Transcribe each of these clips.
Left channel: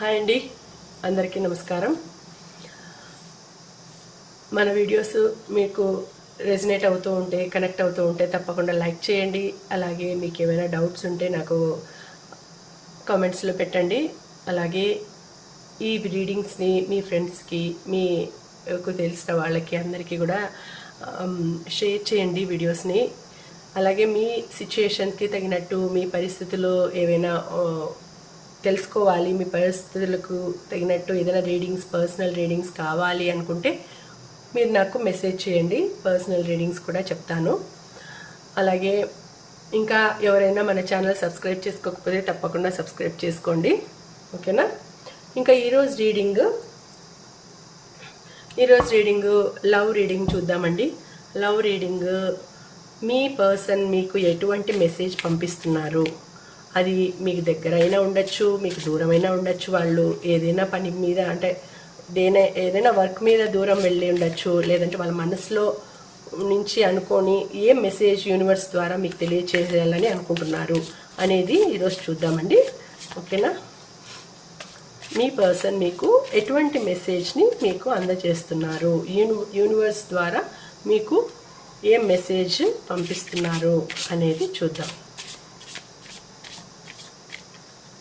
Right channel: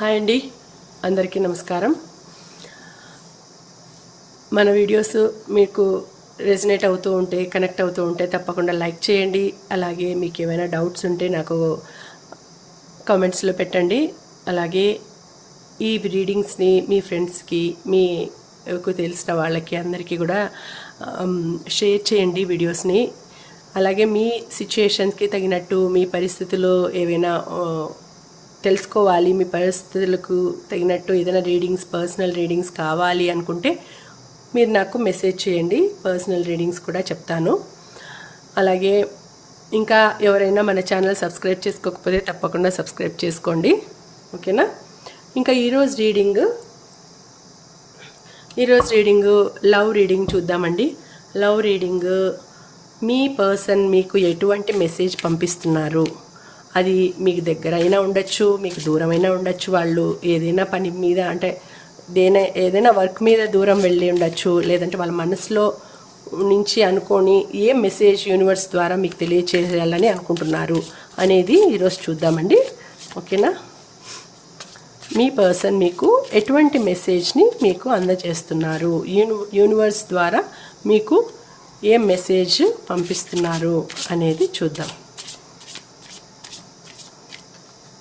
Hi అండి. అందరికీ నమస్కారం. మన వీడియోస్ మీకు రెజినేట్ అవుతూ ఉంటే కనెక్ట్ అవుతూ ఉంటే తప్పకుండా లైక్ చేయండి. అలాగే మీకు ఏమైనా డౌట్స్ ఉంటే నాకు కామెంట్స్లో పెట్టండి. అలాగే ఈ రీడింగ్స్ని మీ ఫ్రెండ్స్కి మీకు తెలిసిన వాళ్ళకి అందరికీ కూడా షేర్ చేయండి వీడియోస్ని. అలాగే మీ సిచ్యుయేషన్స్కి తగినట్టు మీ పరిస్థితులు ఏవైనా తెలుసుకోవాలి మీ పరిస్థితులకు తగినట్టు ఏదైనా రీడింగ్స్ పర్సనల్ రీడింగ్స్ కావాలి అనుకుంటే మీరు నాకు మెసేజ్ చేయండి పర్సనల్ రీడింగ్స్ కూడా చెప్తాను. అలాగే ఇంకా ఎవరైనా మన ఛానల్ సబ్స్క్రైబ్ చేసుకోకపోతే తప్పకుండా సబ్స్క్రైబ్ చేసుకోండి. ఓకేనా? ఇంకా ఈరోజు రీడింగ్ ఈరోజు రీడింగ్ లవ్ రీడింగ్ చూద్దామండి. లవ్ రీడింగ్ మీ పర్సన్ మీకు ఎటువంటి మెసేజ్ పంపిస్తున్నారు? అది మీకు దగ్గర అయినా ఉండొచ్చు మీకు దూరమైనా ఉండొచ్చు. వాళ్ళు ఏదైనా పని మీద అంటే దేనే ఏదైనా వర్క్ మీద దూరం వెళ్ళి ఉండొచ్చు. లేదంటే వాళ్ళ మనసులో నుంచి అనుకొని ఏ మెసేజ్ యూనివర్స్ ద్వారా మీకు తెలియచేయాలని అనుకుంటున్నారు అనేది ఈరోజు చూద్దామండి. ఓకేనా? మీ పర్సన్ మీకు ఎటువంటి మెసేజ్ని మీకు అందజేస్తున్నారు? యూని యూనివర్స్ ద్వారా మీకు ఏ మెసేజ్ పంపిస్తున్నారు అనేది చూద్దాం.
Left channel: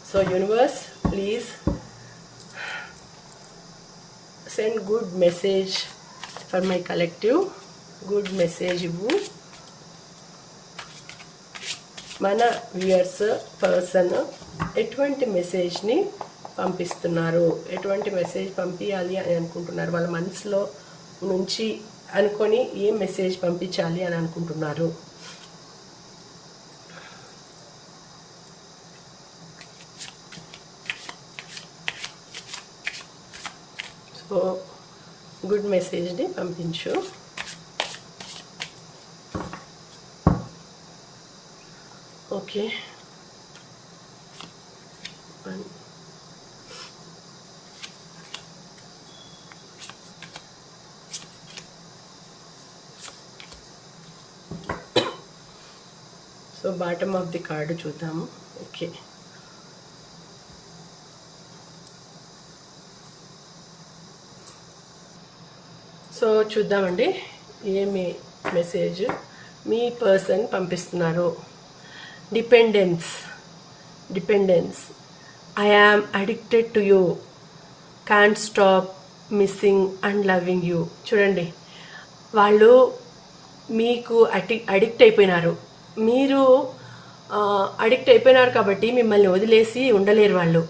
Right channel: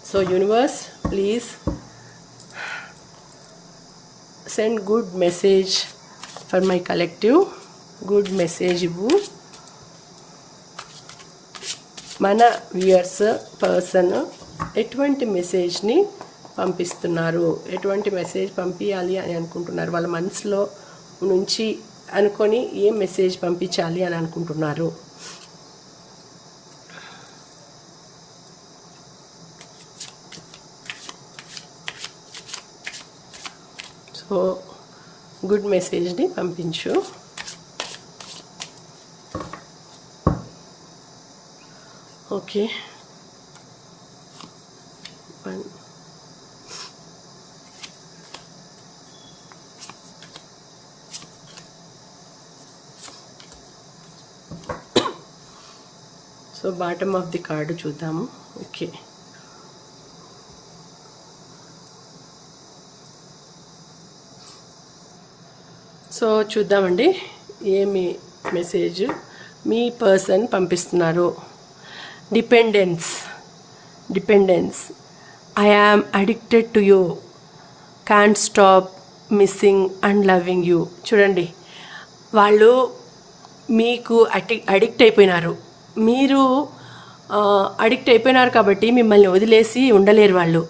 So universe please send good message for my collective good message ఇవ్వు మన వ్యూయర్స్ పర్సన్ ఎటువంటి మెసేజ్ని పంపిస్తున్నారు? ఎటువంటి మెసేజ్ పంపించాలి అని అనుకుంటున్నారు? వాళ్ళ మనసులో నుంచి అనుకొని ఏ మెసేజ్ పంపించాలి అని అనుకుంటున్నారు? సో గుడ్ మెసేజ్ని పంపించు. Okay. So bottom of the card చూద్దాము. ఓకే. సో చూద్దామండి. ఏమి మెసేజ్? మీ పర్సన్ పంపిస్తున్నారు. Dependence. Dependence. I am addicted to you. Can stop missing and loving you. చూడండి. వాళ్ళు మీకు అటి అడిక్ట్ అయిపోయినారు. మీరు అడిక్ట్ అయిపోయినారు కాబట్టి మిమ్మల్ని వదిలేసి ఉండలేరు వాళ్ళు.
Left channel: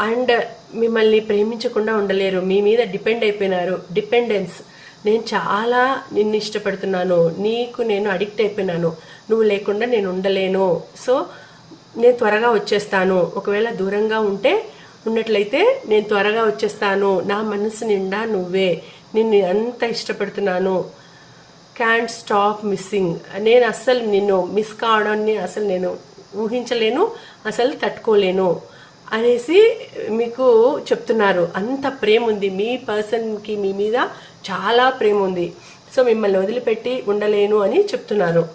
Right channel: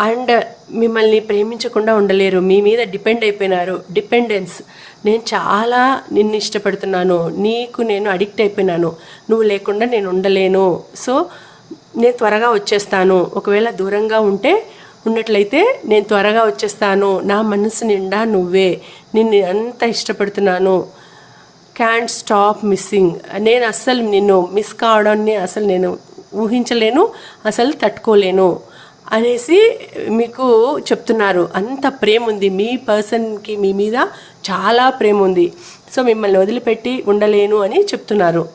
అండ్ మిమ్మల్ని ప్రేమించకుండా ఉండలేరు. మీ మీద డిపెండ్ అయిపోయినారు. డిపెండెన్స్. నేను చాలా నిన్ను ఇష్టపడుతున్నాను. నీకు నేను అడిక్ట్ అయిపోయినాను. నువ్వు లేకుండా నేను ఉండలేను. సో నేను త్వరగా వచ్చేస్తాను. ఒకవేళ దూరంగా ఉంటే ఉన్నట్లయితే నేను త్వరగా వచ్చేస్తాను. నా మనసు నిండా నువ్వే. నిన్ను అంత ఇష్టపడుతున్నాను. క్యాన్ స్టాప్ మిస్సింగ్ నేను అస్సలు నిన్ను మిస్ కావడాన్ని అసలు నేను ఊహించలేను. అసలు తట్టుకోలేను. అనేసి మీకు చెప్తున్నారు. అంత ప్రేమ ఉంది మీ పర్సన్కి మీ మీద చాలా ప్రేమ ఉంది సో మిమ్మల్ని వదిలిపెట్టి ఉండలేను అని చెప్తున్నారు.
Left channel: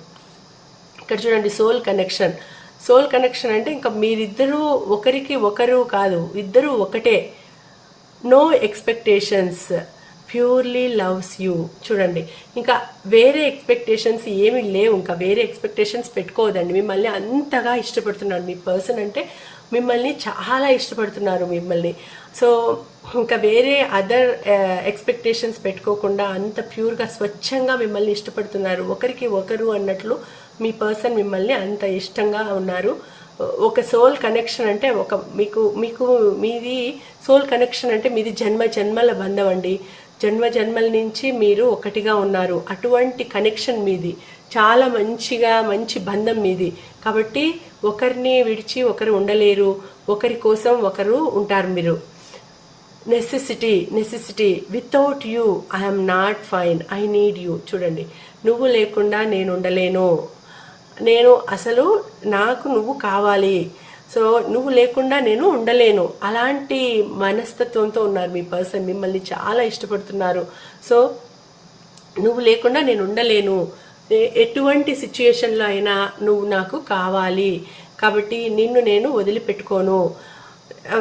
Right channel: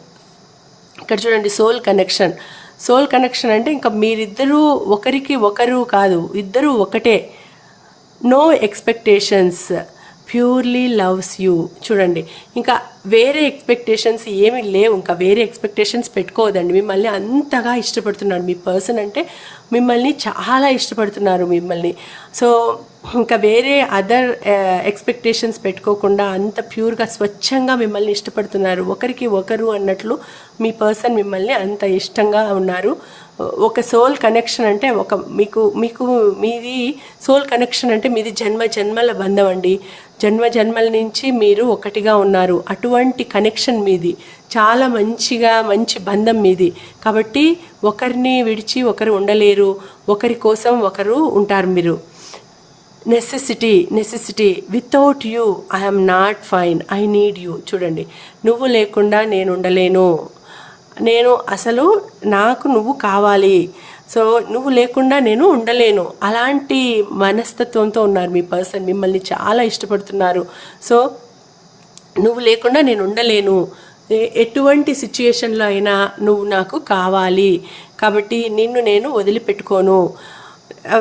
ఇక్కడ చూడండి సోల్ కనెక్షన్ సోల్ కనెక్షన్ అంటే ఇంకా మీరిద్దరూ ఒకరికి ఒకరు కాదు. ఇద్దరూ ఒకటే. No expectations purely loves you. చూడండి ఇంకా వేరే ఎక్స్పెక్టేషన్స్ ఏమీ లేవు. ఇంకా వేరే ఎక్స్పెక్టేషన్స్ పెట్టుకోవద్దండి. మిమ్మల్ని అంతగా ఇష్టపడుతున్నాడు మీ పర్సన్ అంటే మిమ్మల్ని చాలా ఇష్టపడుతున్నారు మిమ్మల్ని. సో ఇంకా వేరే అదర్ ఎక్స్పెక్టేషన్స్ పెట్టుకోకుండా అంత ప్యూర్గా స్వచ్ఛంగా మిమ్మల్ని ఇష్టపడుతున్నారు. ఒకరికి ఒకరు అన్నట్లు మీ పర్సన్ మిమ్మల్ని అంత ఇష్టంగా ఉన్నారు. ఒక సోల్ కనెక్షన్ అంటే ఒక మీకు మీకు మీది సోల్ కనెక్షన్ అంటే మీది జన్మ జన్మల బంధం అండి. జన్మ జన్మల నుంచి మీరు ఒకటిగా ఉన్నారు. అటువంటి కనెక్షన్ మీది. చాలా మంచిగా మంచి బంధం మీది. కాబట్టి ఒకరిని విడిచి ఒకరు ఉండలేరు. ఒకరి కోసం ఒకరు ఉంటారు మీరు. Necessity necessity without you I'm not fine I need you చూడండి. నువ్వు లేకుండా నేను ఉండలేను. నేను అసలు నాకు నువ్వు కావాలి. సో నువ్వు లేకుండా నేను ఉండలేను. అలాంటి మనస్తత్వంతో ఉన్నారు మీ పర్సన్. మిమ్మల్ని చాలా ఇష్టపడుతున్నారు. సో నువ్వు లేకుండా నేను ఉండలేను. ఎటువంటి సిచ్యుయేషన్లో అయినా నువ్వు నాకు కావాలి. కాబట్టి నిన్ను నేను వదిలిపెట్టుకోను.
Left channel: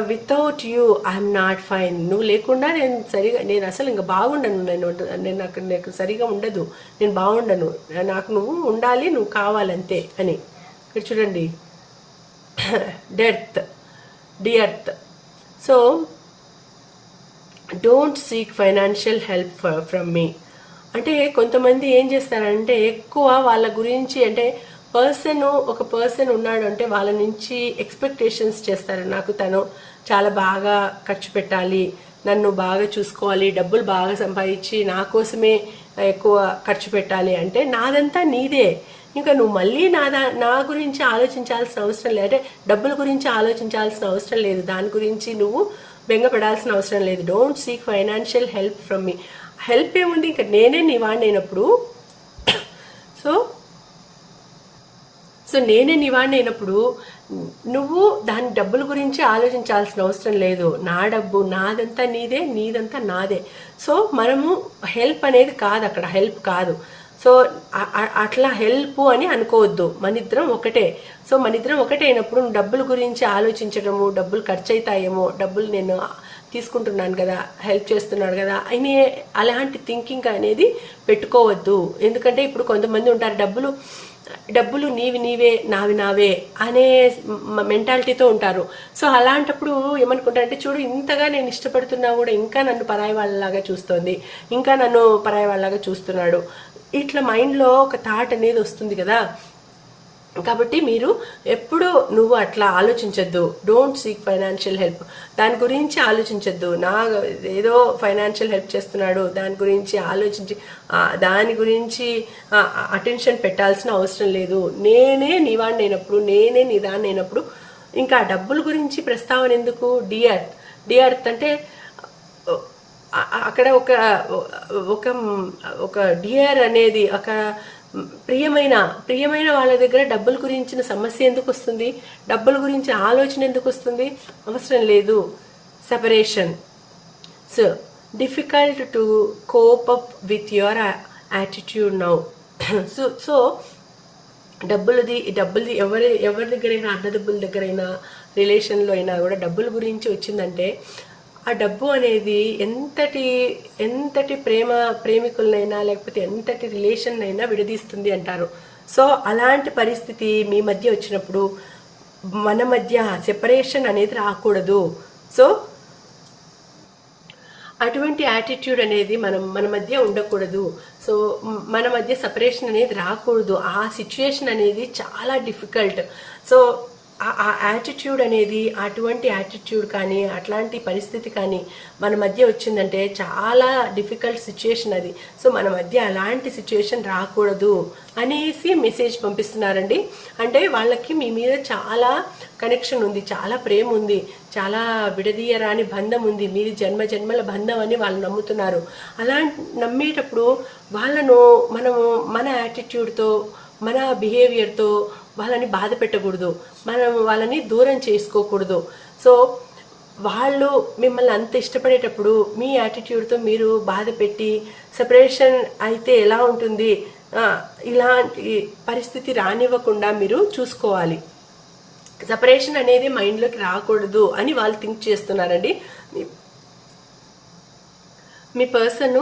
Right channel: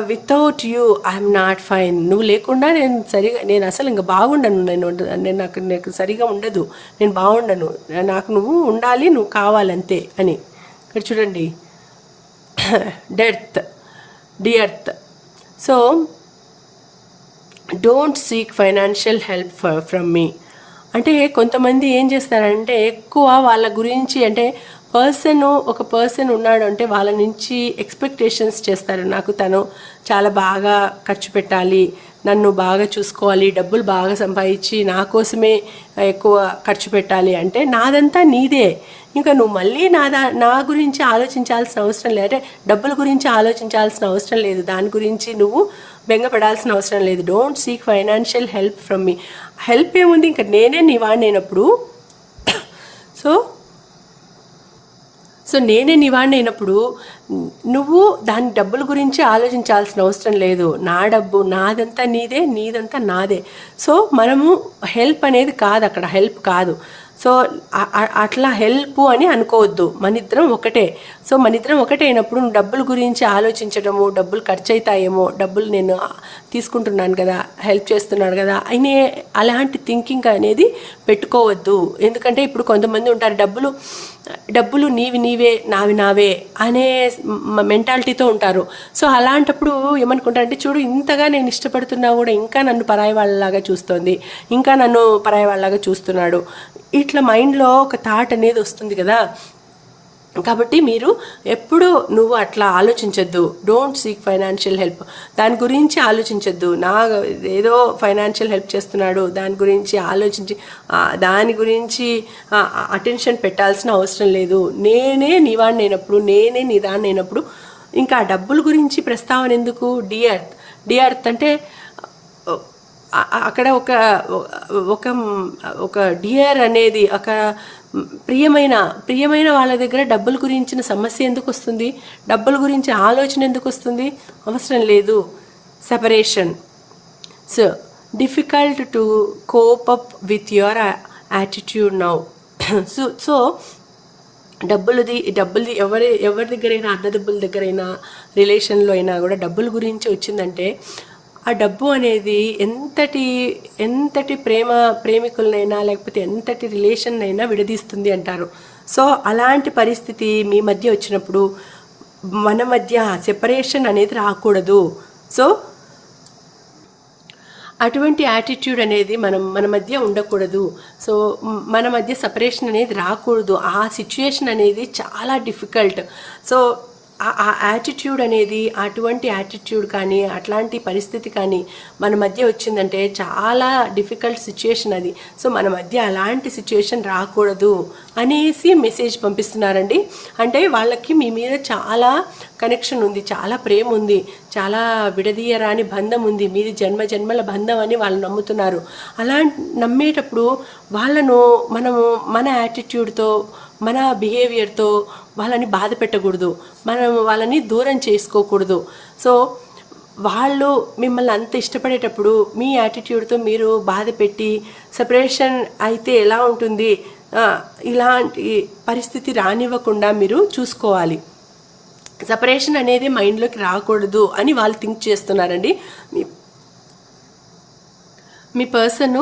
Without you I'm not fine నువ్వు లేకుండా నేను సరిగా నేను అసలు ఇంకా బాగుండను. నేను నేను నాకు నాకు సరిగా ఉండదు. నేను బాగుండను. నాకు నువ్వు ఉండాలి నువ్వు కావాలంతే అని. ఇక్కడ చూడండి. Dearth dearth. So don't seek financial help from me. అంటే కొంతమంది ఏం చేస్తారంటే ఎక్కువ వాళ్ళ గురించి అంటే పర్సన్ ఒక పర్సన్ ఉన్నాడు అంటే వాళ్ళ నుంచి ఎక్స్పెక్టేషన్స్ చేస్తారు. నాకు తను చాలా బాగా ఖర్చు పెట్టాలి నన్ను బాగా చూసుకోవాలి డబ్బులు బాగా సంపాదించి నా కోసమే ఎక్కువ ఖర్చు పెట్టాలి అంటే నాదంతా నీదే. ఇంకా నువ్వు మళ్ళీ నా దా నా గురించి ఆలోచించాల్సిన అవసరం లేదు. అంటే డబ్బుల గురించి ఆలోచించాల్సిన అవసరం లేదు. దాని గురించి నువ్వు బెంగపడాల్సిన అవసరం లేదు. Don't seek financial help from me help ఏముంది? ఇంకా నేనే నీ వాడినప్పుడు సో సో నేనే నీ నువ్వు దాని డబ్బుల గురించి ఆలోచించాల్సిన అవసరం లేదు. నా డబ్బు నాదంతా నీదే నీదంతా నాదే. సో మనము హెల్ప్ అనేది కాదు అక్కడ. హెల్ప్ కాదు. సో అట్లా హెల్ప్ అని అనుకోవద్దు. మన ఇద్దరం ఒకటే. సో మన ఇద్దరం ఒకటే అయినప్పుడు డబ్బుల గురించి ఆలోచించడము డబ్బులు ఖర్చు అవుతాయేమో డబ్బులు నేను తీసుకుంటున్నాను కదా హెల్ప్ చేస్తున్నాను కదా అయినే అలాంటి థింకింగ్ అనేది పెట్టుకోవద్దు. ఎందుకంటే ఇప్పుడు కొంతమంది ఉంటారు డబ్బులు డబ్బులు నీవి నీవే నావి నావే అనే మెంటాలిటీతో ఉంటారు. సో అలాంటప్పుడు ఏమనుకుంటారంటే చూడు ఇంతగా నేను ఇష్టపడుతున్నా కూడా ఇంకా నన్ను పరాయి వాళ్ళలాగా చూస్తోంది ఇంకా నన్ను పరాయి వాళ్ళలాగా చూస్తున్నాడు. ఇట్లా మైండ్లో ఒక థాట్ అనేది వస్తుంది కదా. కాబట్టి మీరు ఎప్పుడు నువ్వు అట్లా ఆలోచించద్దు. డోంట్ సీక్ ఫైనాన్షియల్ హెల్ప్ దాని గురించి ఆలోచించద్దు. నా ఏదో ఫైనాన్షియల్ హెల్ప్ చేస్తున్నాడు. దాని గురించి ఆలోచించి దాని గురించి అటెన్షన్ పెట్టాల్సిన అవసరం లేదు. నేనే నీవాడిని అయినప్పుడు నేనే నీదాన్ని అయినప్పుడు ఇంకా డబ్బుల గురించి ప్రస్తావన ఎందుకు? డిఆర్త్ డిఆర్త్ అంటే అక్కడ ఒక ఒక ఒక డియర్ అనేది ఒక ప్రియమైన ప్రియమైన వాళ్ళ దగ్గర డబ్బుల గురించిన సమస్య ఎందుకు వస్తుంది? డబ్బుల గురించి ఆలోచన ఎందుకు వస్తుంది? అవసరం లేదు. Separation so difficult to cope up with your attitude now so so డబ్బులది డబ్బులది ఎవరి ఎవరి దగ్గరైనా అన్నదబ్బుల దగ్గరైనా రిలేషన్లో అయినా కూడా డబ్బుల గురించి వచ్చిందంటే ఆ డబ్బు అనేది ఎంతటి ఎంతటి ప్రేమ ప్రేమికులనైనా లేకపోతే ఎంతటి రిలేషన్ అయినా విడదీస్తుంది అంటారు. సో అలాంటి పరిస్థితి మీ మధ్య వచ్చినప్పుడు మన మధ్య సెపరేషన్ అనేది రాకూడదు. సో అటువంటి యాటిట్యూడ్ అనేది మనం మన మధ్య ఉండకూడదు. సో మన మధ్య సపరేషన్ అనేది రాకూడదు. ఆ సిచ్యుయేషన్ అనేది చాలా డిఫికల్ట్. సో ఆ యాటిట్యూడ్ అనేది అటువంటి యాటిట్యూడ్ కానీ అట్లాంటి పరిస్థితి కానీ మన మధ్య వచ్చిందంటే చాలా డిఫికల్ట్ సిచ్యుయేషన్ అది. సో మన మధ్య అలాంటి సిచ్యుయేషన్ రాకూడదు అనేసి మెసేజ్ పంపిస్తున్నారండి. అంటే వాళ్ళకి మీ మీద చాలా కనెక్షన్ ఉంది చాలా ప్రేమ ఉంది చాలా విడదీయరాని బంధం ఉంది మీది జన్మ జన్మల బంధం అని వాళ్ళు నమ్ముతున్నారు. అలా నమ్మేటప్పుడు వాళ్ళను మనము మన యాటిట్యూడ్తో మన బిహేవియర్తో వాళ్ళని బాధ పెట్టకూడదు. మనం వాళ్ళని దూరం చేసుకోకూడదు. సో వాళ్ళు మిమ్మల్ని అంత ఇష్టపడేటప్పుడు మీ యాటిట్యూడ్తో మీరు బాధ పెట్టి సపరేషన్ అయితే ఎలా ఉంటుంది? ఇలాంటి పరిస్థితి రానివ్వకుండా మీరు చూసుకోవాలి. సపరేషన్ అనేది మైండ్లోకి రాకూడదు అని వాళ్ళు థింక్ చేస్తున్నారండి. మీ పర్సన్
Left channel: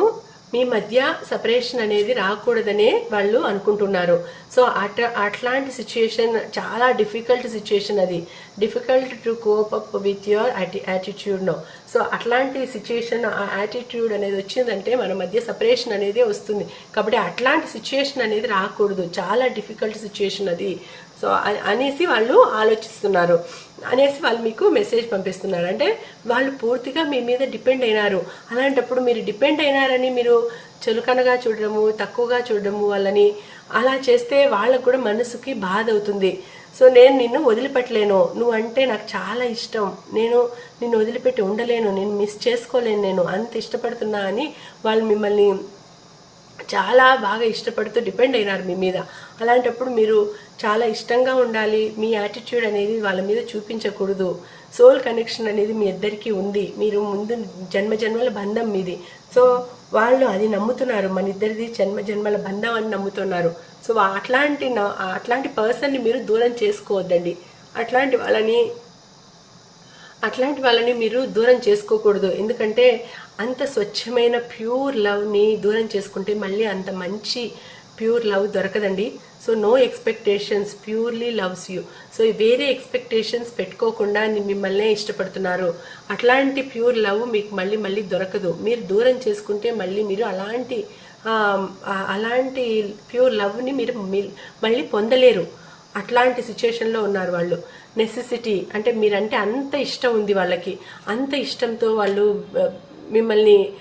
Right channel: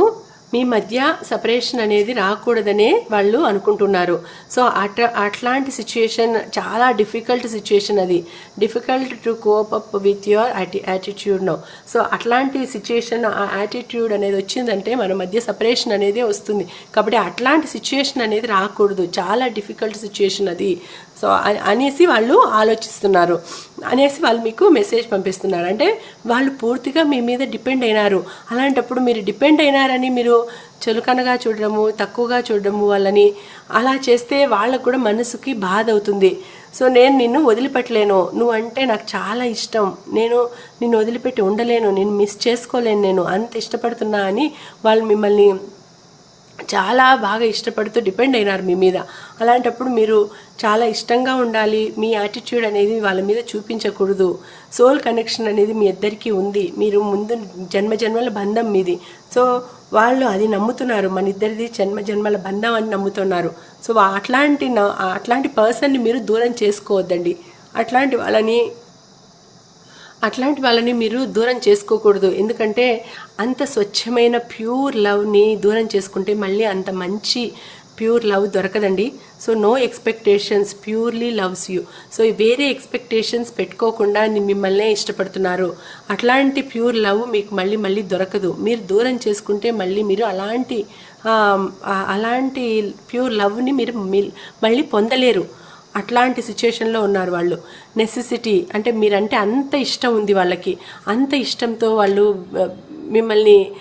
మీ మధ్య సపరేషన్ అనేది రాకూడదనే వాళ్ళు అనుకుంటున్నారు. సో అట అట్లాంటి సిచ్యుయేషన్ చాలా డిఫికల్ట్ సిచ్యుయేషన్ అది. Difficult to cope up with your యాటి no so అట్లాంటి సిచ్యుయేషన్ ఆ యాటిట్యూడ్ అనేది వచ్చిందంటే మన మధ్య సపరేషన్ అనేది వస్తుంది. కాబట్టి అట్లాంటి సిచ్యుయేషన్ అనేది రాకూడదు. చాలా డిఫికల్ట్ సిచ్యుయేషన్ అది. సో అనేసి వాళ్ళు ఆలోచిస్తున్నారు. అనేసి వాళ్ళు మీకు మెసేజ్ పంపిస్తున్నారు. అంటే వాళ్ళు పూర్తిగా మీ మీద డిపెండ్ అయినారు. అలాంటప్పుడు మీరు డిపెండ్ అయినారని మీరు చులకనగా చూడడము తక్కువగా చూడడము వాళ్ళని అలా చేస్తే వాళ్ళకు కూడా మనసుకి బాధ అవుతుంది. సో నేను నిన్ను వదిలిపెట్టలేను. నువ్వు అంటే నాకు చాలా ఇష్టం. నేను నిన్ను వదిలిపెట్టి ఉండలేను. నేను మిస్ చేసుకోలేను నేను. అంత ఇష్టపడుతున్నా అని వాళ్ళు మిమ్మల్ని చాలా బాగా ఇష్టపడుతూ డిపెండ్ అయినారు మీ మీద. అలాంటప్పుడు మీరు చాలా ఇష్టంగా ఉండాలి మీ యాటిట్యూడ్ అనేది వాళ్ళ మీద చూపించకూడదు. సోల్ కనెక్షన్ అనేది మీ ఇద్దరికీ ఉంది. మీరు ముందు జన్మ జన్మల బంధం మీది. సో వాళ్ళు అది నమ్ముతున్నారు. మన ఇద్దరిది జన్మ జన్మల బంధం అని నమ్ముతున్నారు. సో అట్లాంటి అట్లాంటి పర్సన్ని మీరు దూరం చేసుకోవద్దండి. అట్లాంటి వాళ్ళని అట్లాంటి వాళ్ళని మీరు దూరం చేసుకోకూడదు. ఎందుకంటే అంత స్వచ్ఛమైన ప్యూర్ లవ్ని దూరం చేసుకుంటే మళ్ళీ అంత మంచి ప్యూర్ లవ్ దొరకదండి. So no expectations purely loves you. So వేరే ఎక్స్పెక్టేషన్స్ పెట్టుకోకుండా మిమ్మల్నే ఇష్టపడుతున్నారు. అట్లాంటి ప్యూర్ లవ్ మీకు మళ్ళీ మళ్ళీ దొరకదు. మీరు దూరం చేసుకుంటే మళ్ళీ మీరు అలాంటి అలాంటి ప్యూర్ లవ్ని మీరు మళ్ళీ పొందలేరు. అట్లాంటి సిచ్యుయేషన్లో ఉన్నారు వాళ్ళు. నెసెసిటీ అంటే మీరంటే అంత ఇష్టం ఉంది వాళ్ళకి. అంత ఇష్టంతో వాళ్ళు మిమ్మల్ని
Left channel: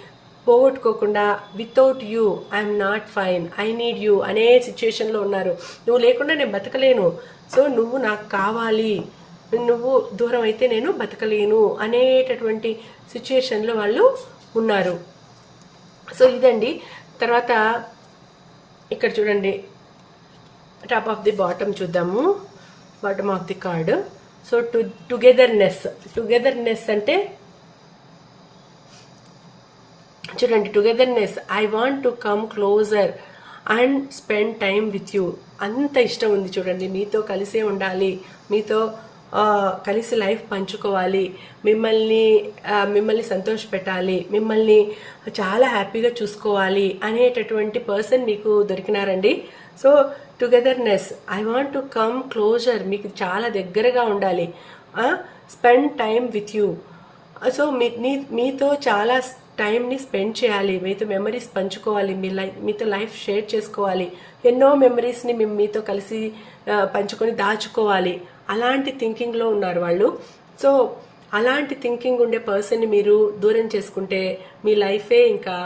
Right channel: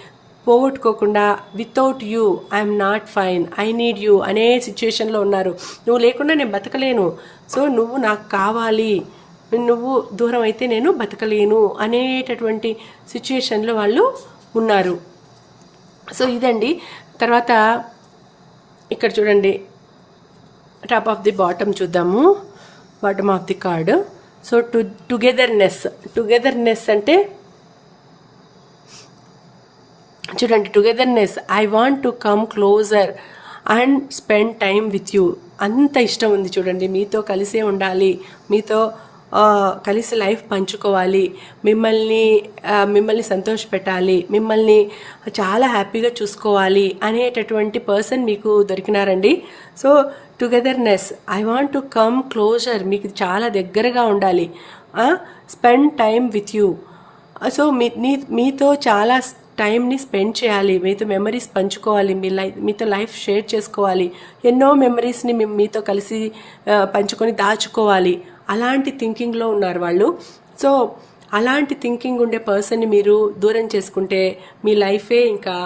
పోగొట్టుకోకుండా without you I'm not fine I need you అనే సిచ్యుయేషన్లో ఉన్నారు. నువ్వు లేకుండా నేను బతకలేను. సో నువ్వు నాకు కావాలి. నువ్వు దూరం అయితే నేను బతకలేను అనేటటువంటి సిచ్యుయేషన్లో వాళ్ళు ఉన్నారు. సో ఇదండి. తర్వాత ఇక్కడ చూడండి. టాప్ ఆఫ్ ది బాటమ్ చూద్దాము. Bottom of the card so to togetherness togetherness అంటే చూడండి togetherness I want to come closer and spend time with you అంత ఇష్టం ఉంది చూడండి. మీతో కలిసే ఉండాలి. మీతో కలిసి లైఫ్ పంచుకోవాలి. మిమ్మల్ని మిమ్మల్ని సంతోష పెట్టాలి. మిమ్మల్ని చాలా హ్యాపీగా చూసుకోవాలి అనేటటువంటి పర్సన్ మీకు దొరికినారండి. So togetherness I want to come closer మీకు చాలా దగ్గరగా ఉండాలి. Spend time with you so మీ మీతో చాలా టైంని స్పెండ్ చేయాలి. మీతో మెమరీస్ పంచుకోవాలి. మీ లైఫ్ మీతో లైఫ్ షేర్ చేసుకోవాలి. ఎన్నో మెమరీస్ని మేము మీతో కలిసి పంచుకొని దాచుకోవాలి. అలాంటి థింకింగ్లో ఉన్నారు వాళ్ళు. సో అలాంటి థింకింగ్ ఉండే పర్సన్ని మీరు దూరం చేసుకుంటే మీ లైఫే ఇంకా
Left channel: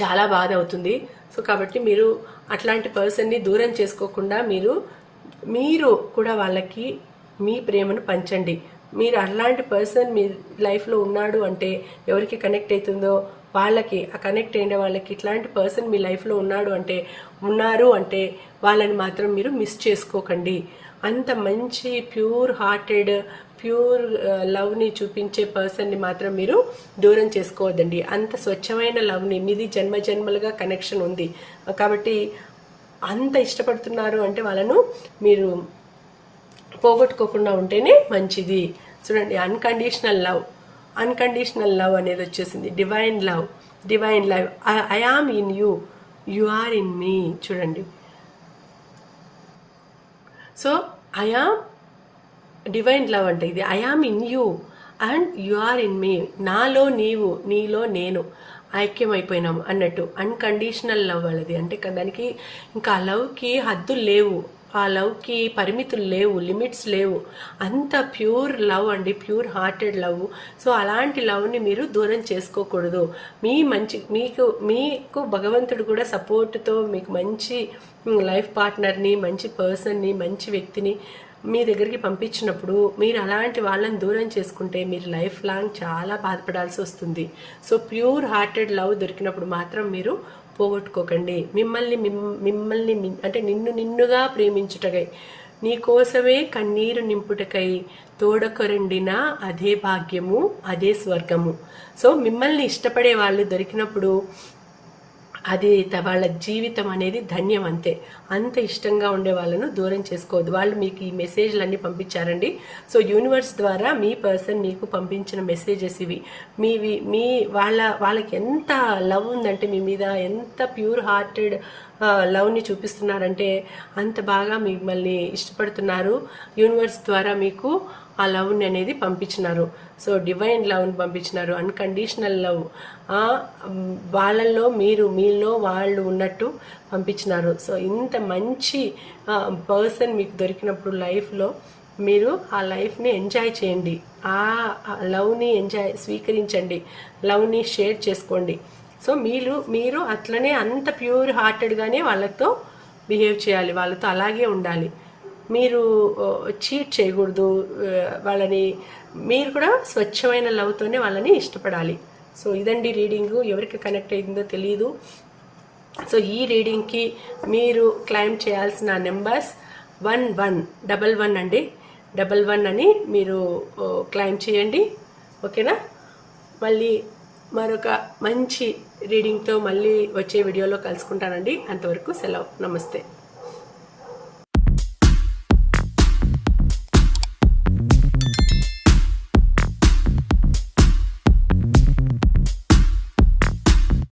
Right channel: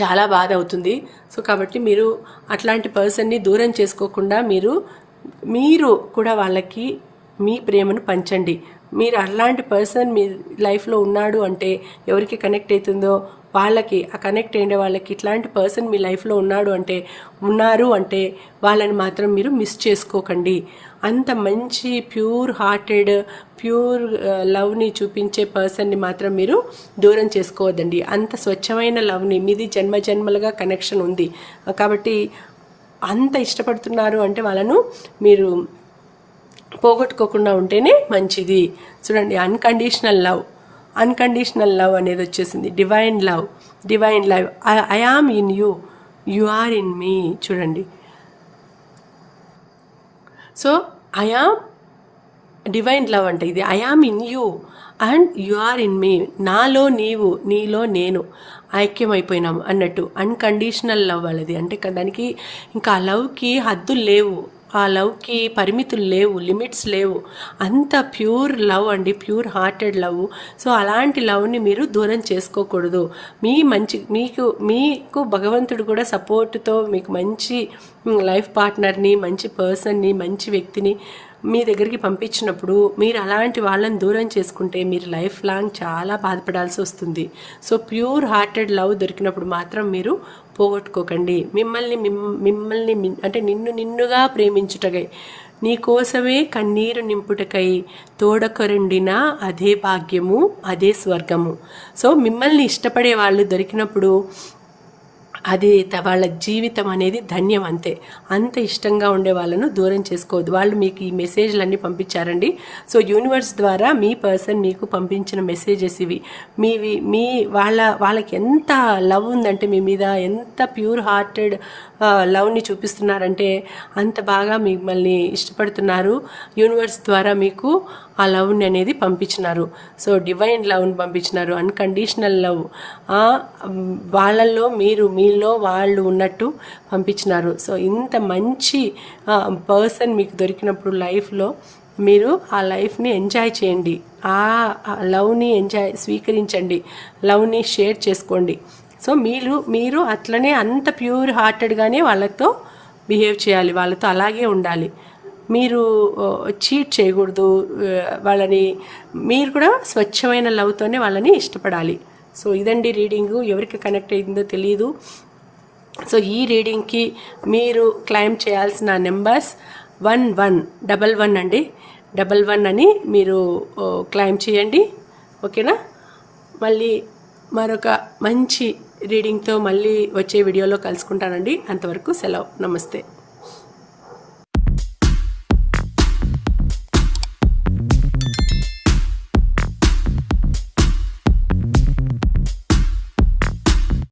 చాలా బాధ అవుతుంది సో కాబట్టి మీరు అట్లాంటి పర్సన్ని దూరం చేసుకోకుండా మీరు మీరు కూడా వాళ్ళకి మీ ప్రేమను పంచండి. మీరు అలాంటి పర్సన్ మీ లైఫ్లో ఉన్నాడు అంటే ఎవరికి కనెక్ట్ అవుతుందో వాళ్ళకి ఆ కనెక్ట్ అయిన వాళ్ళకి ఇట్లాంటి పర్సన్ మీ లైఫ్లో ఉన్నాడు అంటే ఉన్నారు అంటే వాళ్ళని మాత్రం మీరు మిస్ చేసుకోకండి. అంత మంచి ప్యూర్ హార్టెడ్ ప్యూర్ లవ్ని చూపించే పర్సన్ని మాత్రం మీరు దూరం చేసుకోవద్దండి. అంత స్వచ్ఛమైన లవ్ని మీది జన్మ జన్మలుగా కనెక్షన్ ఉంది. కాబట్టి అంత ఇష్టపడుతున్నారు అంటే వాళ్ళను మీరు పోగొట్టుకోకుండా ఉంటేనే మంచిది. చూడండి అన్కండిషనల్ లవ్ అన్కండిషనల్ లవ్ అనేది వచ్చేసింది. Divine love divine love I am in you you are in me చూడండి. So I am divine love అంటే ఇది. I am in you and you are in me నాలో నీవు నీలో నేను ఐక్యమైపోయినాం అన్నట్టు. అన్కండిషనల్ లవ్ అనేది. అంటే దానికి ఇంకా ఆ లవ్కి హద్దులు లేవు. ఆ లవ్కి పరిమితులు లేవు లిమిట్స్ లేవు. అంత ప్యూర్ లవ్ అండి. Pure hearted love. సో అలాంటి లవ్ని మీరు దూరం చేసుకోకూడదు. మీ మంచి మీకు మీకు భగవంతుడు కూడా సపోర్ట్తో మీకు మంచి లైఫ్ పార్ట్నర్ని మంచి పర్సన్ని మంచి వ్యక్తిని మీ దగ్గరికి పంపించినప్పుడు మీరు అలాంటి వాళ్ళని దూరం చేసుకుంటే మీరు లైఫ్ లాంగ్ చాలా బాధపడాల్సి వస్తుంది. సో ప్యూర్ హార్టెడ్ లవ్ దొరికినప్పుడు మాత్రం మీరు పోగొట్టుకోకండి. మిమ్మల్ని మిమ్- మిమ్మల్ని అంటే నిన్ను నిన్నుగా ప్రేమించుటకై నీ కోసమే కన్నీరు నింపుటకై తోడకొరండిన అదే భాగ్యము అదే స్వర్గము. సో మిమ్మల్ని ఇష్టపడే వాళ్ళు దొరికినప్పుడు అది త- వాళ్ళ జీవితం అనేది ధన్యం అంతే. అంత ఇష్టంగా ఉండే వాళ్ళను దూరం చేసుకోవద్దు. వాళ్ళు మీకు ఈ మెసేజ్లన్నీ పంపించారండి. సో యూనివర్స్ ద్వారా మీ పర్సన్ మీకు పంపించిన మెసేజెస్ ఇవి. మీవి మీ వాళ్ళ వాళ్ళకి ఎంత లవ్ ఉందంటే మీ మీద ఎంత ప్యూర్ హార్టెడ్ లవ్ని చూపిస్తున్నారంటే అంత బాగా మిమ్మల్ని ఇష్టపడుతున్నారు. యూనివర్స్ ద్వారా మీకు ఆ లవ్ని అనేది పంపించినారు. సో డివైన్ లవ్ని పంపించినారు. Unconditional love. వాళ్ళల్లో మీరు మీలో వాళ్ళు ఉన్నట్టు పంపించినారు. సో ఇంత మంచి పర్సన్ మీకు దొరికినప్పుడు లైఫ్లో మీరు ఆ లైఫ్ని ఎంజాయ్ చేయండి. ఆ లవ్ని ఎంజాయ్ స్వీకరించండి. లవ్ని షేర్ చేసుకోండి. సో మీరు మీరు అట్లనే అంత ప్యూర్ హార్టెడ్గానే వాళ్ళతో బిహేవ్ చేయాలి. వాళ్ళతో అలాగే ఉండాలి. మీరు చీట్ చేయకూడదు వాళ్ళని మీరు కూడా స్వచ్ఛమైన లవ్తోనే వాళ్ళని ఇష్టపడాలి. సో ఇదండి రీడింగు. ఎవరికి కనెక్ట్ అయిందో తెలియదు సో ఈ రీడింగ్కి మీరు క్లైమ్ చేయాల్సిన numbers one one double one అండి. డబల్ వన్ అని మీరు క్లైమ్ చేయండి. ఓకేనా? మళ్ళీ మరొక మంచి రీడింగ్తో మళ్ళీ వచ్చే వీడియోలో కలుసుకుంటానండి. అంతవరకు సెలవు. నమస్తే.